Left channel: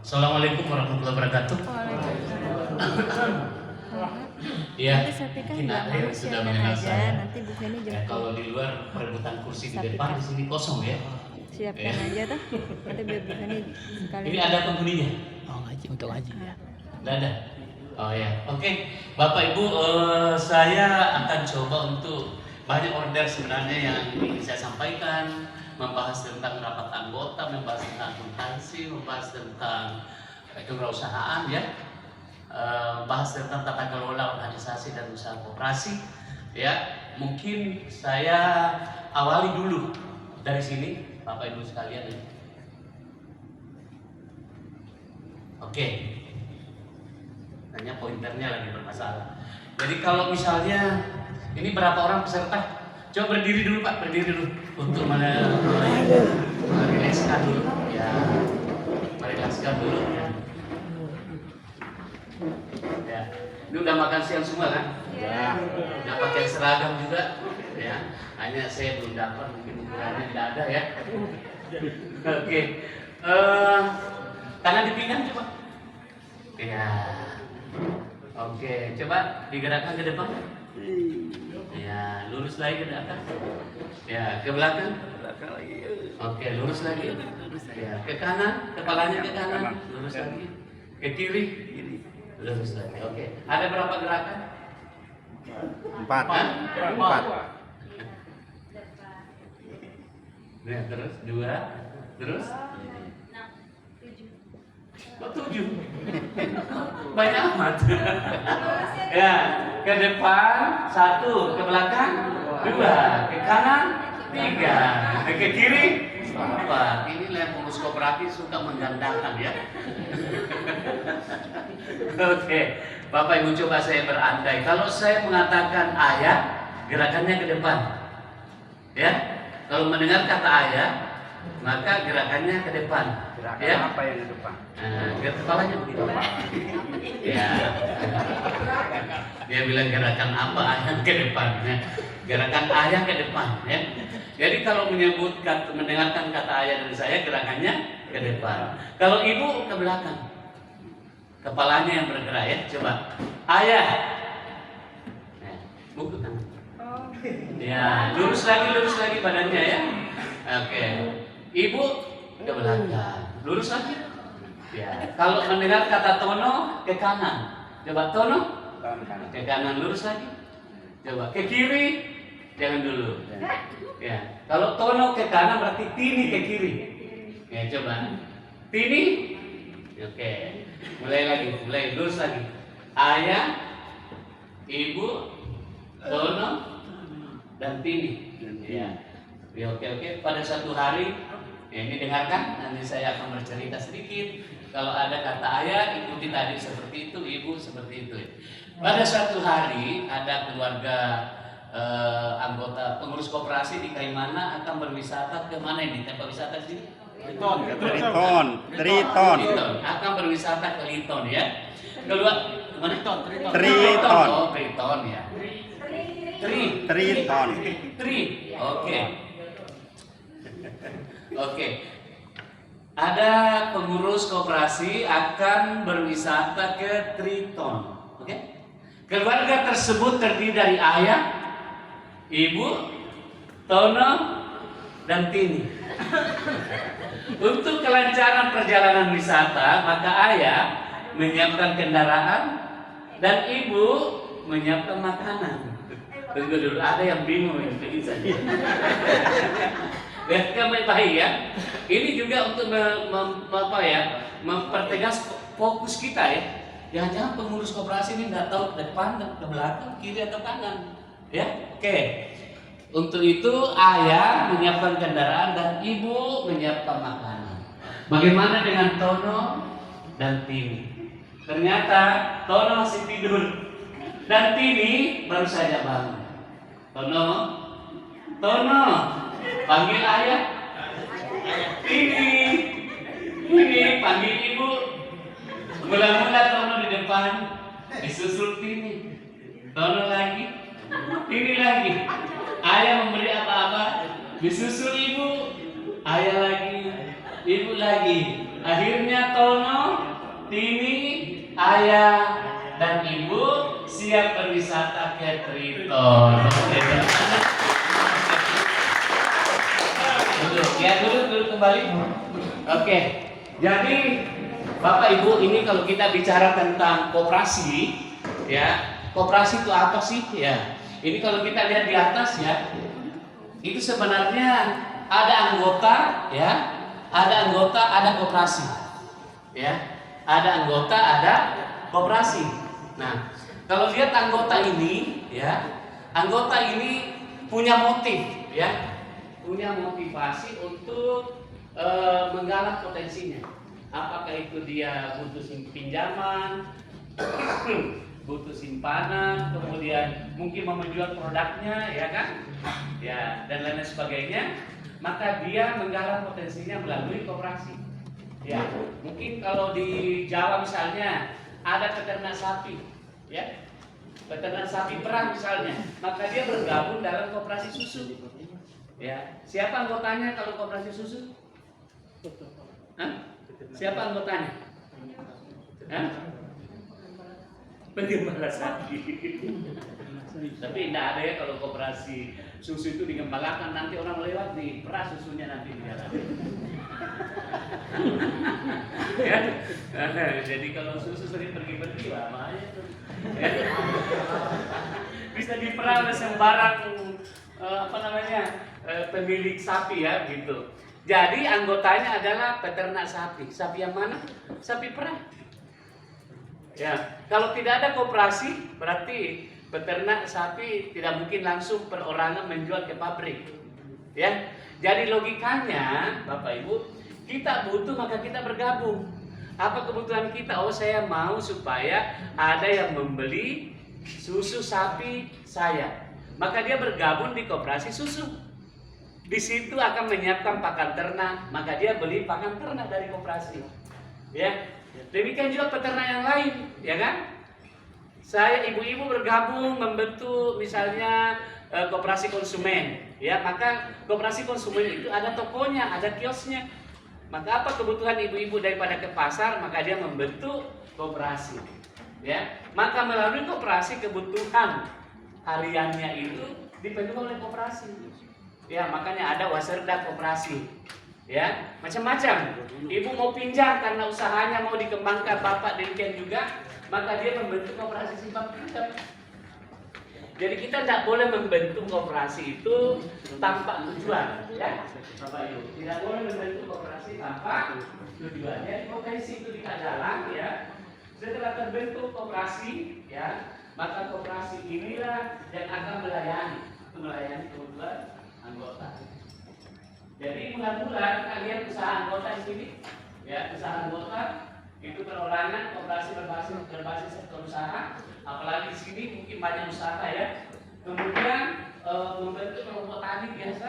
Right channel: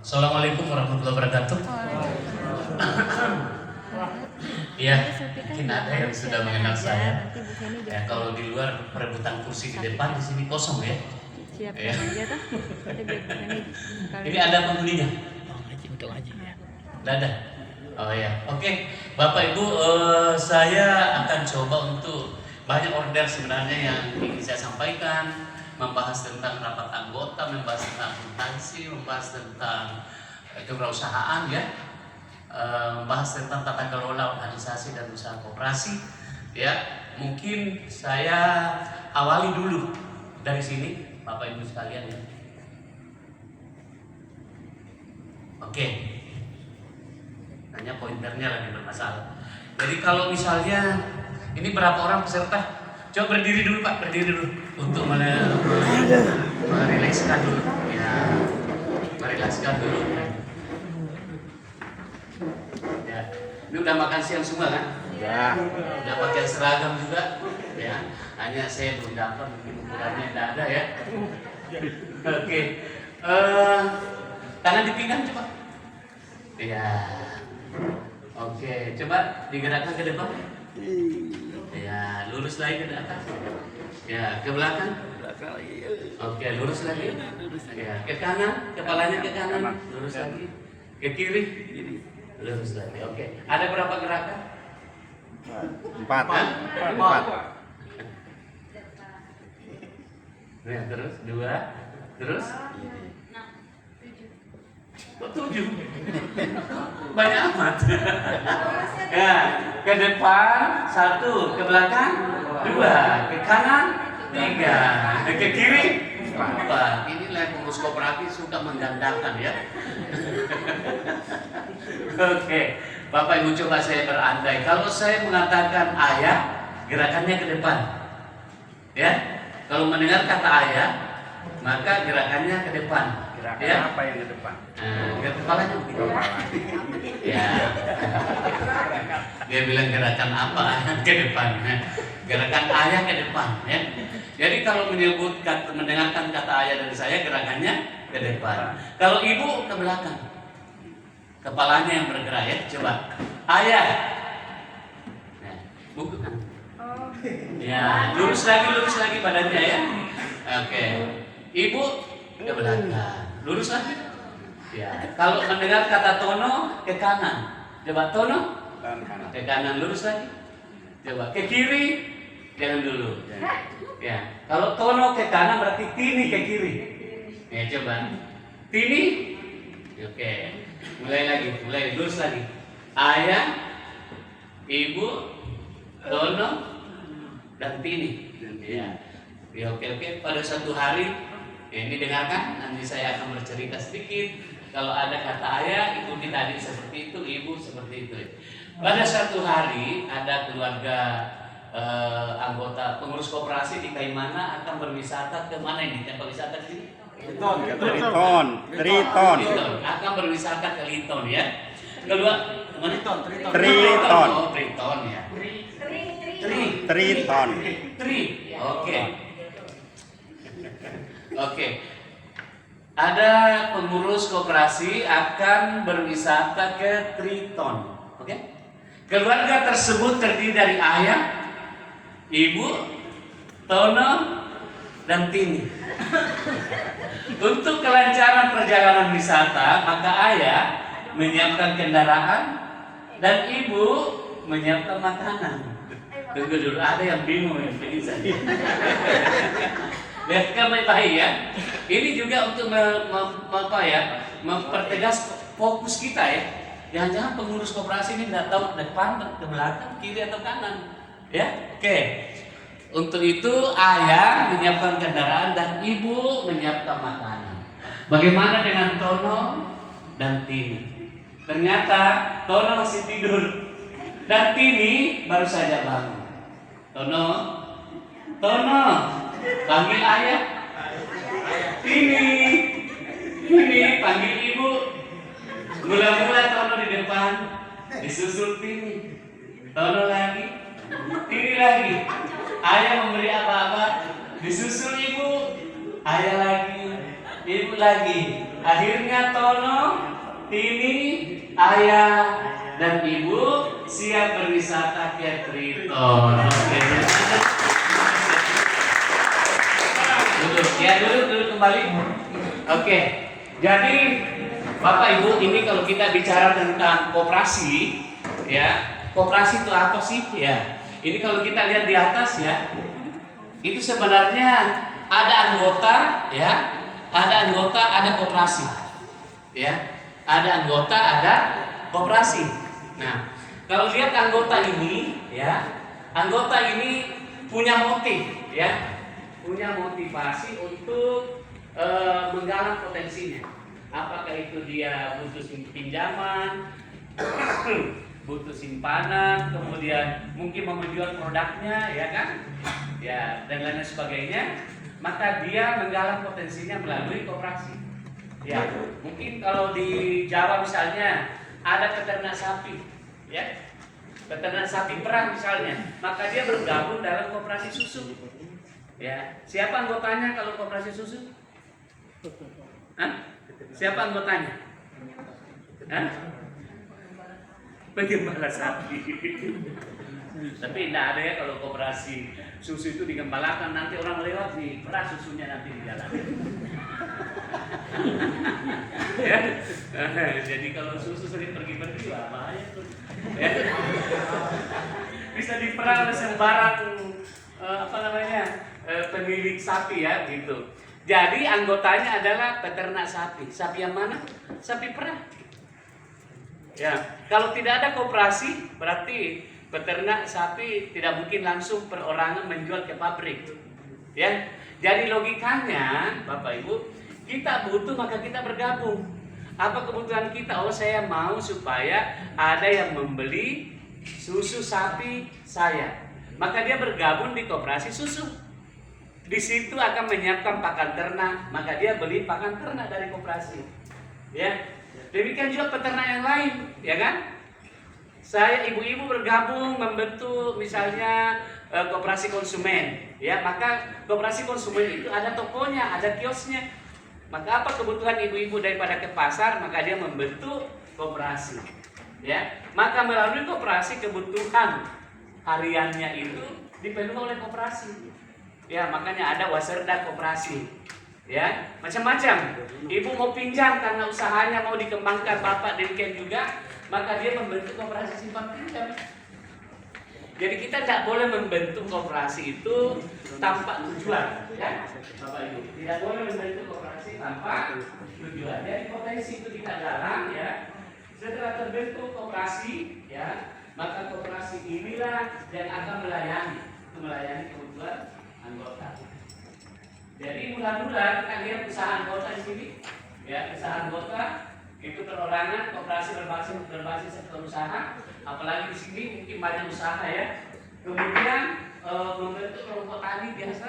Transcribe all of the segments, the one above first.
Assalamualaikum warahmatullahi wabarakatuh. Ya, mungkin ada yang sudah mengenal saya. Ya, kalau di luar perebutan kursi di depan, di sini kosong ya. Siapkan aja tuh. Ini ada penghuninya? Oh, ngaji untuk ngaji ya. Tidak ada. Oh ya, oke. Bapak Ibu, saya akan coba untuk banyak order sebenarnya yang ingin saya sampaikan, membahas tentang rapat anggota, membahas tentang akuntansi, membahas tentang kewirausahaan ya, membahas tentang tata kelola organisasi dan usaha koperasi ya. Mungkin saya awali dulu dari sini, Bapak Ibu sekalian ya. Oke. Hanya pointernya lagi bermasalah. Jadi kalau misalnya ini berapa orang peserta? Coba berdiri dulu Pak, berdiri dulu untuk merilekskan dulu. Ya, merilekskan dulu. Ya, ini udah makan siang semua kan? Ya. Udah pakai seragam juga. Ya, hanya saya belum dapat, mungkin ukurannya tidak ada ya. Oke, tangan dipinggang coba. Ya. Oke, coba digerakkan ke depan. Ya, lurus lagi ke atas. Ya, ke belakang. Oke, lurus lagi. Ya, ke kanan, kepalanya ke kanan. Lurus lagi. Ke kiri. Lurus lagi. Oke. Ada berapa gerakan? 4. Ya, terus 2. Terus? Kok 7? Banyak amat. Ya, ke depan 1, ke belakang 2, ke kanan 3, ke kiri 4. Inilah pengurus kooperatif suka menggandakan ya. Oke, Bapak Ibu coba saya berandai. Kalau saya mengatakan ayah, gerakannya ke depan. Ya, kalau mendengar kata ayah, maka gerakannya ke depan. Gerakan Ya? apa yang ke depan? Biar kepalanya begitu. Ya. Dia bilang gerakan apa ayah ke depan. Gerakan ayah ke depan. Ya. Jadi kalau mendengarkan kata ayah dari saya, gerakannya ke depan. Kalau ibu ke belakang. Kepalanya yang bergerak ya. Coba. Ayah. Nah, buku kan. Ya, lurus lagi badannya ya. Oke. Ibu ke belakang. Lurus lagi. Ya, kalau mendengar kata tono ke kanan. Coba tono ke kanan, lurus lagi. Coba ke kiri, jangan dulu. Ya, kalau tono ke kanan berarti tini ke kiri. Ya, coba. Tini. Oke. Mulai lurus lagi. Ayah, ibu, tono, dan tini. Ya. Ya, oke. Pada suatu hari, ya, ini dengarkan, nanti saya akan bercerita sedikit. Kalau ada kata ayah, ikuti tadi seperti itu, ibu seperti itu. Pada suatu hari ada keluarga anggota pengurus koperasi di Kaimana akan berwisata ke mana ini? Tempat wisata di sini? Triton. Akan berwisata ke Liton ya. Triton. Triton. Oh, Triton ya. Triton. Oke. Ada pengurus koperasi akan berwisata ke Triton. Oke. Keluarga tersebut terdiri dari ayah, ibu, tono, dan tini. Untuk kelancaran perjalanan wisata, maka ayah menyiapkan kendaraan dan ibu menyiapkan makanan. Tunggu dulu, ada yang bingung yang bisa. Lihatkan baik-baik ya. Ini juga untuk mempertegas fokus kita ya. Jangan-jangan pengurus koperasi ini tidak tahu depan, ke belakang, kiri atau kanan. Ya, oke. Untuk itu ayah menyiapkan kendaraan dan ibu menyiapkan makanan. Bagaimana dengan Tono dan Tini? Ternyata Tono masih tidur dan Tini baru saja bangun. Tono, panggil ayah. Tini, panggil ibu. Mula-mula Tono di depan, disusul Tini. Tono lagi, Tini lagi. Ayah memberi apa-apa, disusul ibu. Ayah lagi, ibu lagi. Akhirnya Tono ini ayah dan ibu siap berwisata ke Triton. Duduk kembali. Oke, jadi Bapak Ibu, ini kalau kita bicara tentang koperasi, ya, koperasi itu apa sih? Ya, ini kalau kita lihat di atas ya, itu sebenarnya ada anggota, ya, ada anggota, ada koperasi, ya, ada anggota, ada koperasi. Nah, kalau lihat anggota ini, ya, anggota ini punya motif, ya, punya motivasi untuk menggalang potensinya. Apakah itu dia butuh pinjaman, butuh simpanan, kemudian mungkin mau menjual produknya, ya kan, ya, dan lain sebagainya. Maka dia menggalang potensinya melalui koperasi. Ya, mungkin kalau di Jawa misalnya ada peternak sapi, ya, peternak sapi perah misalnya, maka dia bergabung dalam koperasi susu. Ya, siapa anggotanya kalau koperasi susu? Hah? Siapa anggotanya? Hah? Penggembala sapi. Tapi tidak ada ya kalau koperasi susu itu digembalakan, nanti orang lewat di perah susunya nanti di jalan. Ya. Jadi kalau susu sering pergi-pergi, wah bahaya tuh. Ya. Bisa diperah oleh sembarang pemilik sapi ya gitu. Jadi anggotanya adalah peternak sapi. Sapi yang mana? Sapi perah. Ya, kalau tidak ada koperasi berarti peternak sapi tidak mungkin langsung perorangan menjual ke pabrik. Ya. Jadi logikanya Bapak Ibu, kita butuh maka kita bergabung. Apa kebutuhan kita? Oh, saya mau supaya ada yang membeli susu sapi saya. Maka dia bergabung di koperasi susu. Di situ akan menyiapkan pakan ternak, maka dia beli pakan ternak dari koperasi. Ya. Demikian juga peternak yang lain, ya kan? Saya ibu-ibu bergabung membentuk misalnya koperasi konsumen, ya, maka koperasi konsumen itu ada tokonya, ada kiosnya. Maka apa kebutuhan ibu-ibu daripada ke pasar, maka dia membentuk koperasi. Ya, maka melalui koperasi kebutuhan hariannya itu dipenuhi oleh koperasi. Ya, makanya ada waserda koperasi. Ya, macam-macam. Ibu mau pinjam karena usahanya mau dikembangkan, bapak demikian juga, maka dia membentuk koperasi simpan pinjam. Jadi kita tidak boleh membentuk koperasi itu tanpa tujuan, ya, Bapak Ibu. Tidak boleh membentuk koperasi tanpa tujuan. Jadi potensi itu kita jalan, ya. Setelah terbentuk koperasi, ya, maka koperasi inilah yang akan melayani kebutuhan anggota. Jadi mudah-mudahan kalian usaha anggota di sini, ya, usaha anggota itu perorangan koperasi berbasis sektor usaha, apalagi di sini mungkin banyak usaha ya. Kemudian membentuk kelompok tani biasa,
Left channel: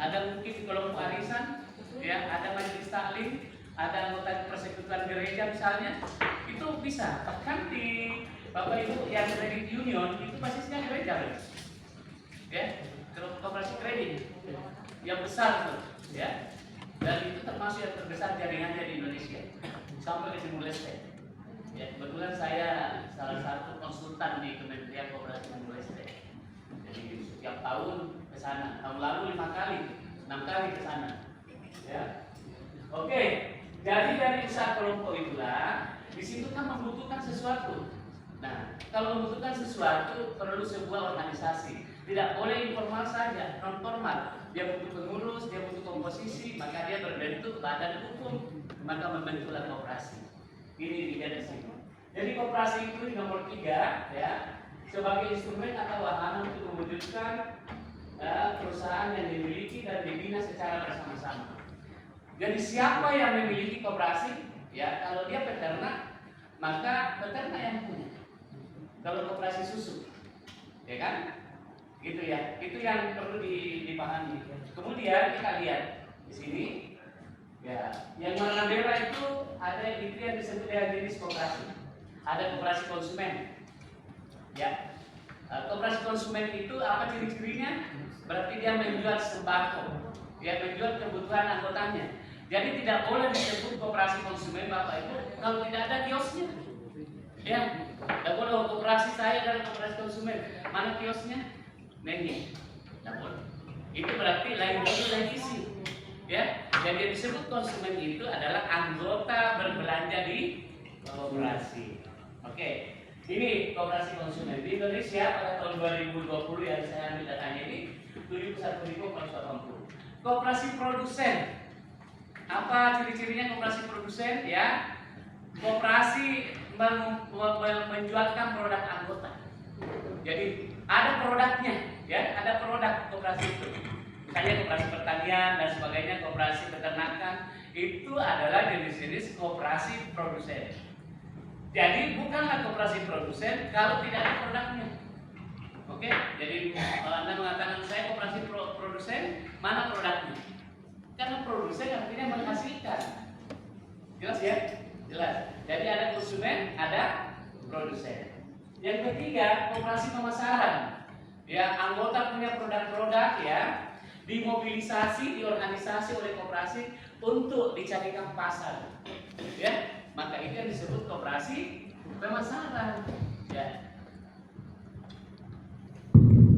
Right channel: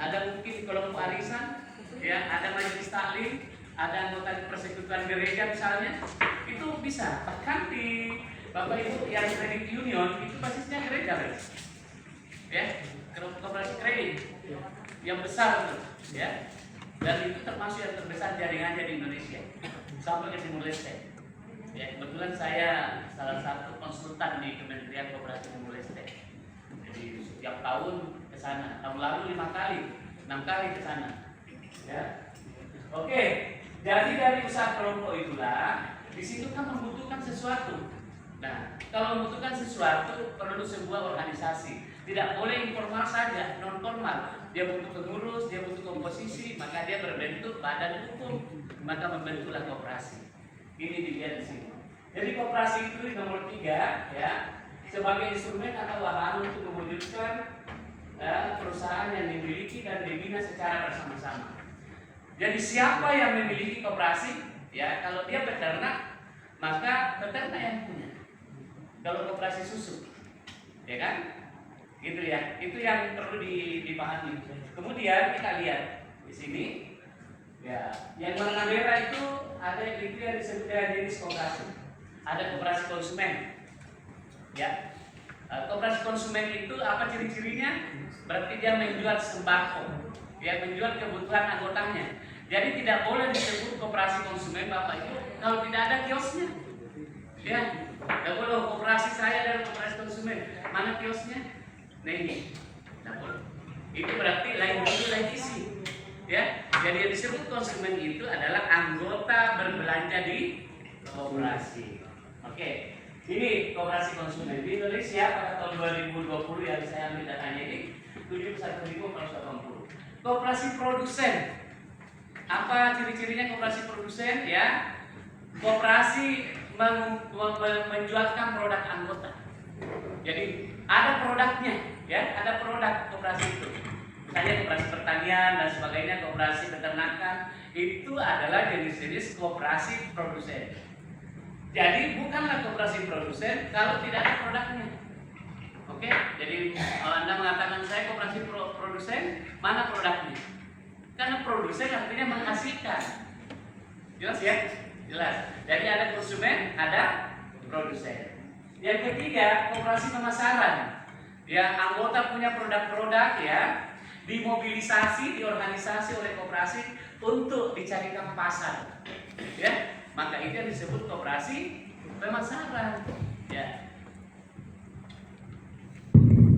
ada mungkin kelompok arisan, ya, ada majelis taklim, ada anggota persekutuan gereja misalnya, itu bisa. Bahkan di Bapak Ibu yang kredit union itu basisnya gereja, ya, koperasi kredit yang besar tuh, ya, dan itu termasuk yang terbesar jaringannya di Indonesia sampai ke Timur Leste. Ya, kebetulan saya salah satu konsultan di Kementerian Koperasi Timur Leste. Jadi setiap tahun ke sana. Tahun lalu 5 kali, 6 kali ke sana. Ya. Oke, jadi dari usaha kelompok itulah di situ kan membutuhkan sesuatu. Nah, kalau membutuhkan sesuatu perlu sebuah organisasi. Tidak boleh informal saja, non formal. Dia butuh pengurus, dia butuh komposisi, maka dia berbentuk badan hukum, maka membentuklah koperasi. Ini dilihat di sini. Jadi koperasi itu nomor 3, ya, sebagai instrumen atau wahana untuk mewujudkan perusahaan yang dimiliki dan dibina secara bersama-sama. Jadi siapa yang memiliki koperasi? Ya, kalau dia peternak, maka peternak yang punya. Kalau koperasi susu, ya kan? Gitu ya. Itu yang perlu dipahami. Kemudian kita lihat di sini, ya, yang warna merah itu ada yang disebut dengan jenis koperasi. Ada koperasi konsumen, ya. Koperasi konsumen itu apa ciri-cirinya? Berarti dia menjual sembako, dia menjual kebutuhan anggotanya. Jadi tidak boleh disebut koperasi konsumen Bapak Ibu kalau tidak ada kiosnya. Ya, tidak boleh koperasi saya dan koperasi konsumen. Mana kiosnya? Nah ini. Itu berarti lain dulu lain isi. Ya, jadi yang disebut konsumen itu adalah anggota berbelanja di koperasi. Oke, ini koperasi konsumen di Indonesia pada tahun 2020 yang saya ambil datanya ini 71.480. Koperasi produsen. Apa ciri-cirinya koperasi produsen? Ya, koperasi menjualkan produk anggota. Jadi ada produknya, ya, ada produk koperasi itu. Misalnya koperasi pertanian dan sebagainya, koperasi peternakan, itu adalah jenis-jenis koperasi produsen. Jadi bukanlah koperasi produsen kalau tidak ada produknya. Oke, jadi kalau Anda mengatakan saya koperasi produsen, mana produknya? Karena produsen artinya menghasilkan. Jelas ya? Jelas. Jadi ada konsumen, ada produsen. Yang ketiga, koperasi pemasaran. Ya, anggota punya produk-produk ya, dimobilisasi, diorganisasi oleh koperasi untuk dicarikan pasar. Ya, maka itu yang disebut koperasi pemasaran. Ya.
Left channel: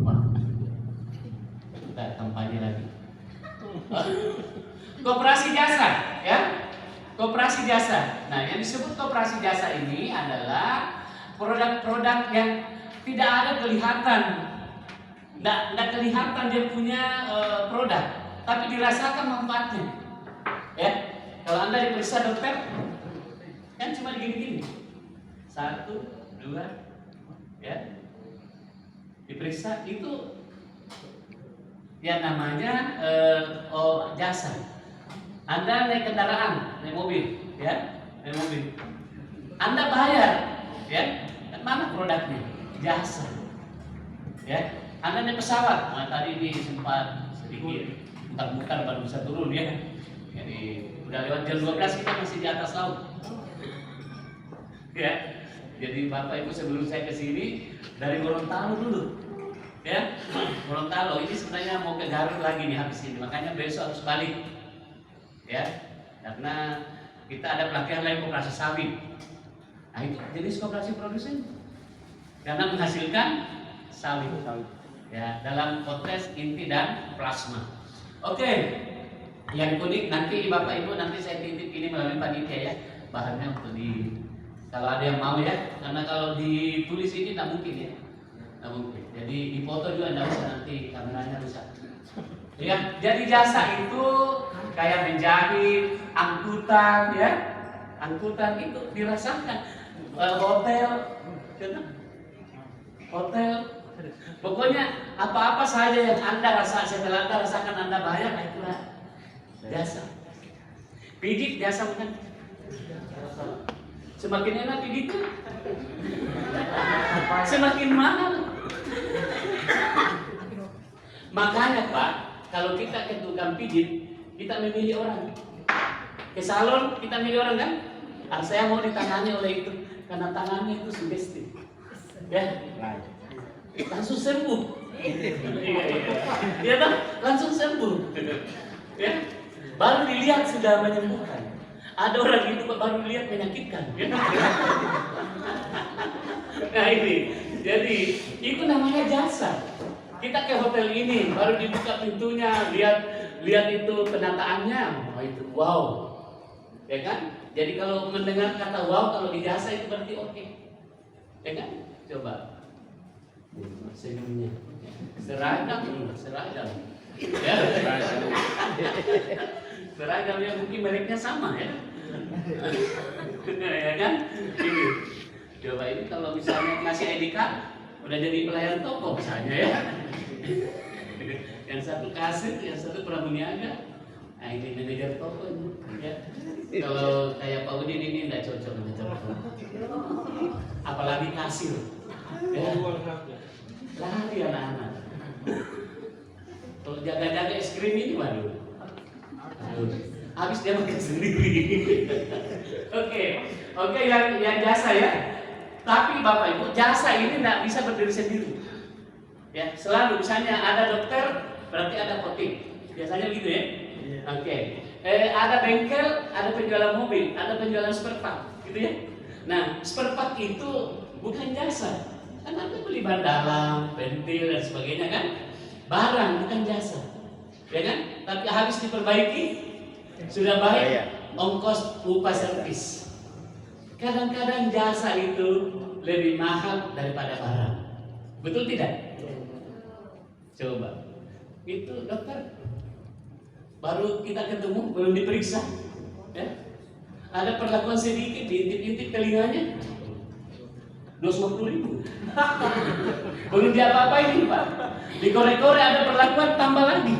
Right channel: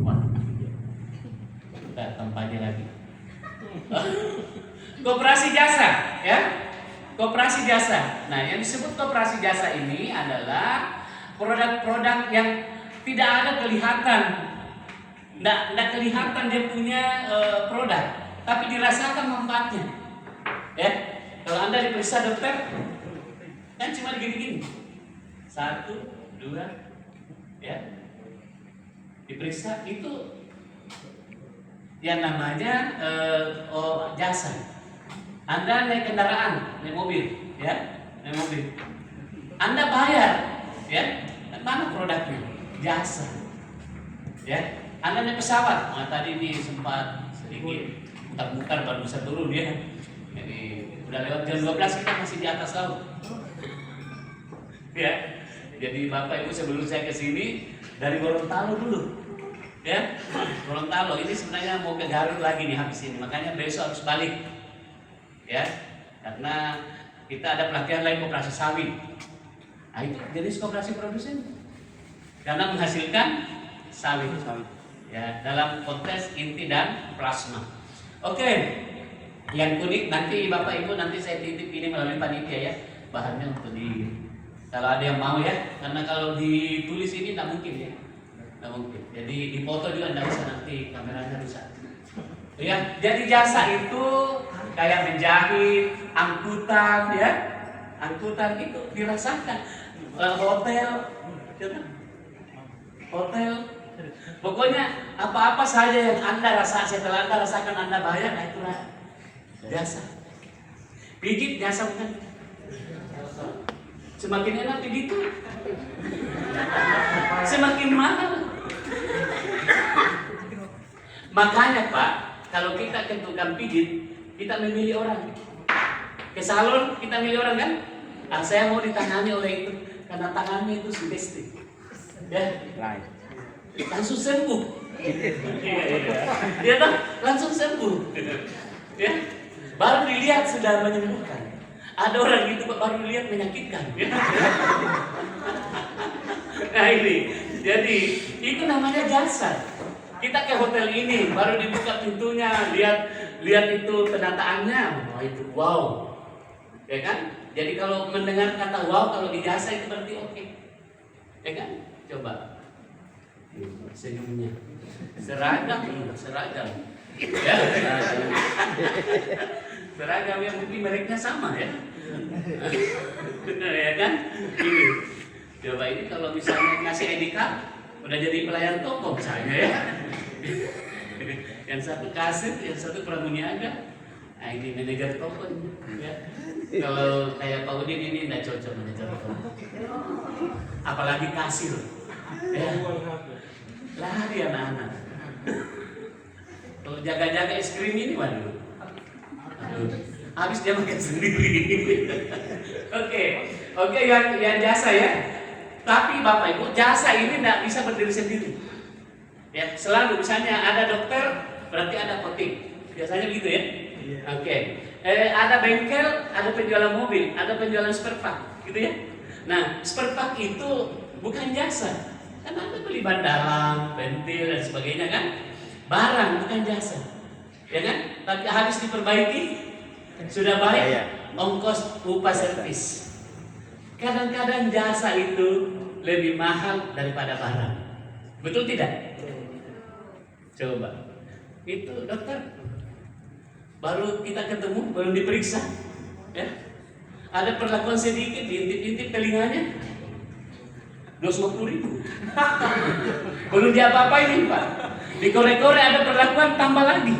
Wah, kita kampanye lagi. Koperasi jasa, ya. Koperasi jasa. Nah, yang disebut koperasi jasa ini adalah produk-produk yang tidak ada kelihatan, tidak kelihatan dia punya produk, tapi dirasakan manfaatnya. Ya, kalau Anda diperiksa dokter, kan cuma gini-gini, 1, 2, ya, diperiksa itu yang namanya jasa. Anda naik kendaraan, naik mobil, ya, naik mobil. Anda bayar, ya, mana produknya? Jasa, ya. Anda naik pesawat, nah tadi ini sempat sedikit mutar-mutar baru bisa turun ya. Jadi udah lewat jam 12 kita masih di atas laut. Ya. Jadi Bapak Ibu sebelum saya ke sini dari Gorontalo dulu. Ya. Gorontalo ini sebenarnya mau ke Garut lagi nih habis ini. Makanya besok harus balik. Ya. Karena kita ada pelatihan lain koperasi sawit. Nah, itu jenis koperasi produsen. Karena menghasilkan sawit. Ya, dalam konteks inti dan plasma. Oke. Yang kuning nanti Bapak Ibu nanti saya titip ini melalui panitia ya. Bahannya untuk kalau ada yang mau ya, karena kalau ditulis ini tidak mungkin ya. Tidak mungkin. Jadi dipoto juga tidak bisa, nanti kameranya rusak. Ya, jadi jasa itu kayak menjahit, angkutan ya. Angkutan itu dirasakan. Hotel, hotel. Pokoknya apa-apa saja yang Anda setelah Anda rasakan Anda bayar, nah itulah jasa. Pijit jasa bukan? Semakin enak pijit itu, semakin mahal. Makanya Pak, kalau kita ke tukang pijit, kita memilih orang. Ke salon kita milih orang kan? Saya mau ditangani oleh itu karena tangannya itu sugesti. Ya, langsung sembuh. Iya toh, langsung sembuh. Ya, baru dilihat sudah menyembuhkan. Ada orang itu baru dilihat menyakitkan. Nah ini, jadi itu namanya jasa. Kita ke hotel ini baru dibuka pintunya, lihat itu penataannya, wah itu wow, ya kan? Jadi kalau mendengar kata wow kalau di jasa itu berarti oke, ya kan? Coba senyumnya, seragam, ya, seragam yang mungkin mereknya sama ya, ya kan? Ini, coba ini kalau misalnya ngasih ID card, udah jadi pelayan toko misalnya ya. Yang satu kasir, yang satu pramuniaga. Nah ini manajer toko ini. Ya. Kalau kayak Pak Udin ini tidak cocok manajer toko. Apalagi kasir. Ya. Lari anak-anak. Kalau jaga-jaga es krim ini waduh. Aduh. Habis dia makan sendiri. Oke, yang jasa ya. Tapi Bapak Ibu, jasa ini tidak bisa berdiri sendiri. Ya, selalu misalnya ada dokter berarti ada apotek. Biasanya gitu ya. Oke. Ada bengkel, ada penjualan mobil, ada penjualan spare part, gitu ya. Nah, spare part itu bukan jasa. Kan Anda beli ban dalam, ventil dan sebagainya kan? Barang bukan jasa. Ya kan? Tapi habis diperbaiki sudah baik, ongkos upah servis. Kadang-kadang jasa itu lebih mahal daripada barang. Betul tidak? Coba. Itu dokter baru kita ketemu, belum diperiksa, ya. Ada perlakuan sedikit, diintip-intip telinganya, 250.000. Belum diapa-apain Pak. Dikorek-korek ada perlakuan tambah lagi.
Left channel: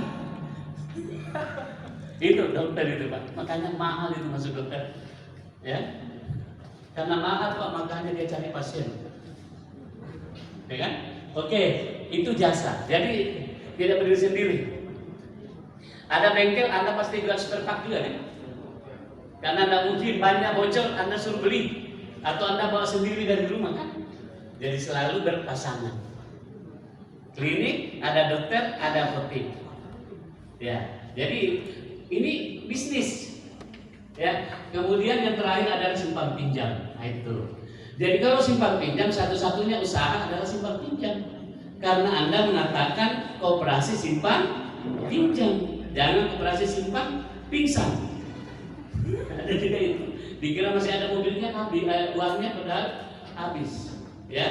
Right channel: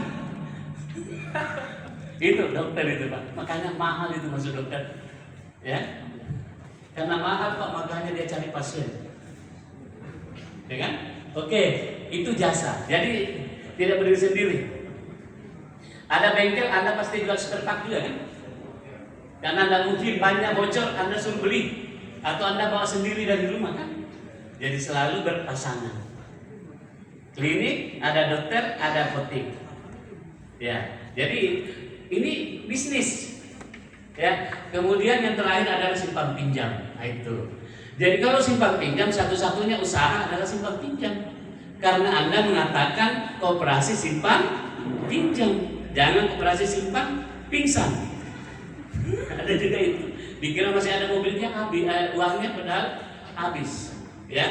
Itu dokter itu Pak. Makanya mahal itu masuk dokter, ya. Karena mahal Pak, makanya dia cari pasien, ya kan? Oke, itu jasa. Jadi tidak berdiri sendiri. Ada bengkel, Anda pasti jual spare part juga kan? Karena Anda mungkin banyak bocor, Anda suruh beli, atau Anda bawa sendiri dari rumah kan? Jadi selalu berpasangan. Klinik, ada dokter, ada apotek. Ya, jadi ini bisnis. Ya, kemudian yang terakhir adalah simpan pinjam. Nah, itu. Jadi kalau simpan pinjam, satu-satunya usaha adalah simpan pinjam. Karena Anda mengatakan koperasi simpan pinjam, jangan koperasi simpan pingsan. Ada juga itu. Dikira masih ada mobilnya, habis uangnya padahal habis. Ya,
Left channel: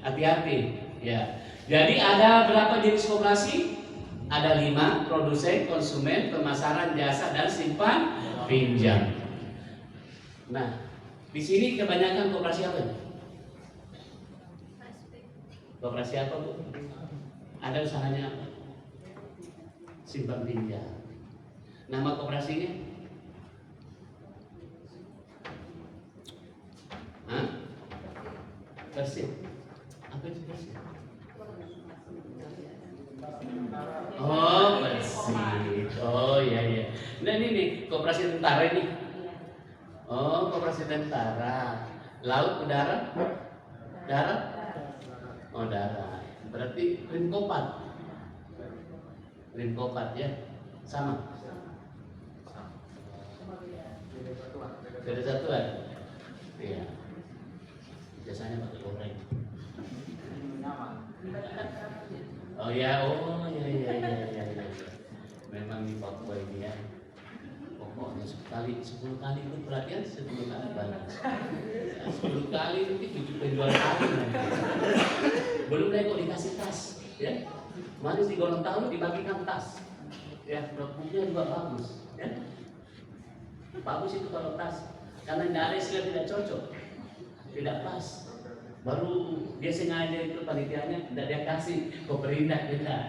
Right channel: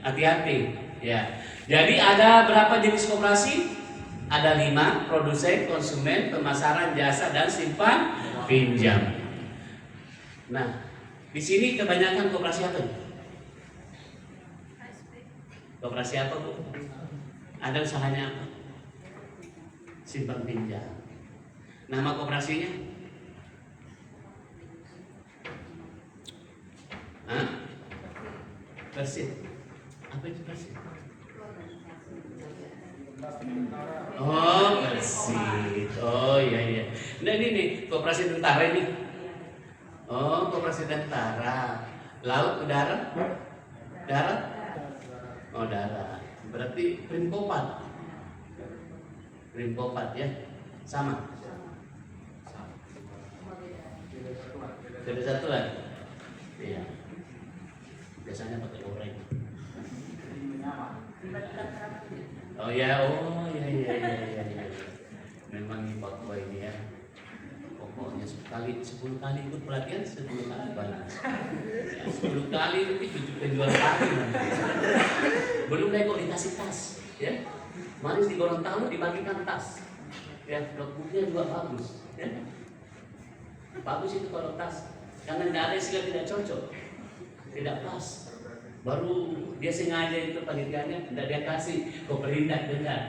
hati-hati. Ya. Jadi ada berapa jenis koperasi? Ada 5: produsen, konsumen, pemasaran, jasa, dan simpan pinjam. Nah, di sini kebanyakan koperasi apa? Koperasi apa Bu? Ada usahanya apa? Simpan pinjam. Nama koperasinya? Hah? Persib. Apa itu Persib? Oh, Persib. Oh iya. Nah ini nih, koperasi tentara ini. Oh, koperasi tentara. Laut, udara? Darat? Oh, darat. Berarti Rimkopat. Rimkopat ya. Sama. Beda satuan. Iya. Biasanya pakai goreng. Oh ya, iya. Memang di Papua ini ya. Pokoknya 10 kali ikut pelatihan, 10 kali balas. 10 kali itu penjual kali nanti. Belum lagi kok dikasih tas, ya. Manis di Gorontalo dibagikan tas. Ya, notebooknya juga bagus, ya. Bagus itu kalau tas, karena nggak ada istilah tidak cocok, tidak pas. Baru dia sengaja itu panitianya tidak dia kasih kok perindah tidak.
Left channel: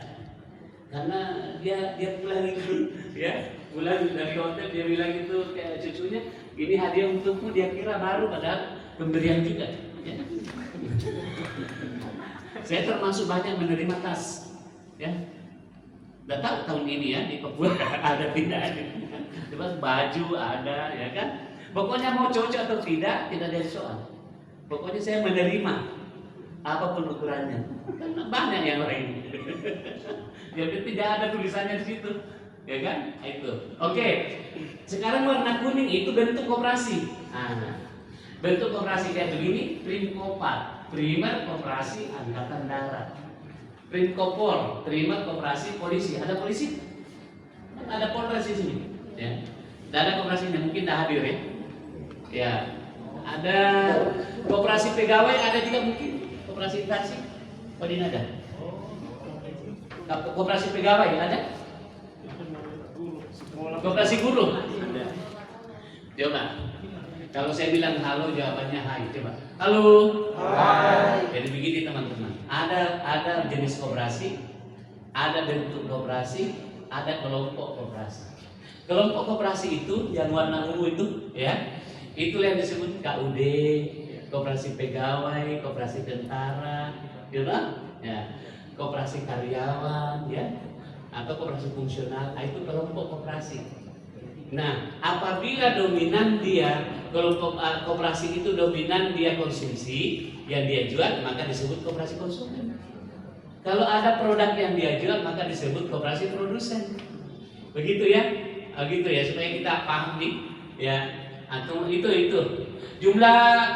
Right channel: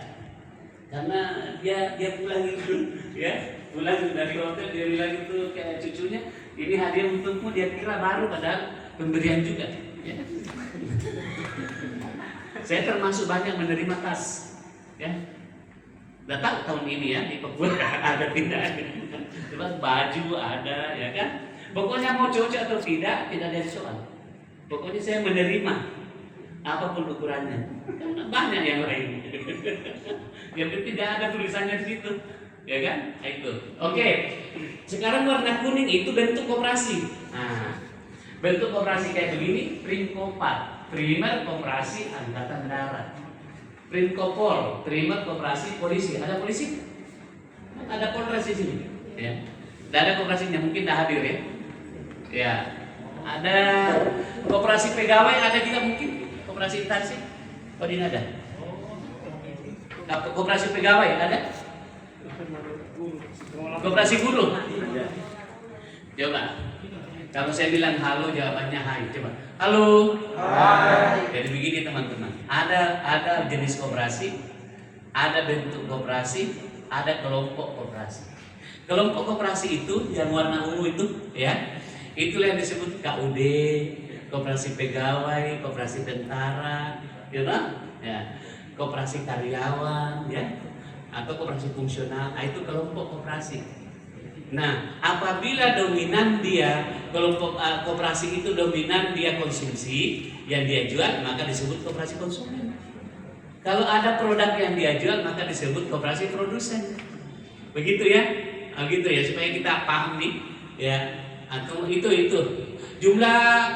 Karena dia pulang itu, ya. Pulang dari hotel dia bilang itu kayak cucunya, ini hadiah untukmu, dia kira baru padahal pemberian juga, ya. Saya termasuk banyak menerima tas, ya. Udah tahu tahun ini ya di Papua ada tidak, cuma baju ada, ya kan. Pokoknya mau cocok atau tidak ada soal. Pokoknya saya menerima apapun ukurannya, karena banyak yang lain. Yang penting tidak ada tulisannya di situ. Ya kan? Itu. Oke. Sekarang warna kuning itu bentuk koperasi. Nah, bentuk koperasi kayak begini, Primkopat, Primer Koperasi Angkatan Darat. Primkopol, Primer Koperasi Polisi. Ada polisi? Ada Polres di sini. Ya. Tidak ada koperasinya, mungkin tidak hadir ya. Ya. Ada koperasi pegawai, ada juga mungkin koperasi instansi. Oh, ini ada. Koperasi pegawai ada? Koperasi guru. Coba. Kalau saya bilang halo, jawabannya hai. Coba. Halo. Hai. Jadi begini teman-teman. Ada jenis koperasi, ada bentuk koperasi, ada kelompok koperasi. Kelompok koperasi itu yang warna ungu itu, ya. Itulah yang disebut KUD, koperasi pegawai, koperasi tentara, gitu. Ya. Koperasi karyawan, ya. Atau koperasi fungsional, itu kelompok koperasi. Nah, apabila dominan dia kelompok koperasi itu dominan dia konsumsi yang dia jual, maka disebut koperasi konsumen. Kalau ada produk yang dia jual, maka disebut koperasi produsen. Begitu ya. gitu ya, supaya kita paham nih ya. Atau itu jumlah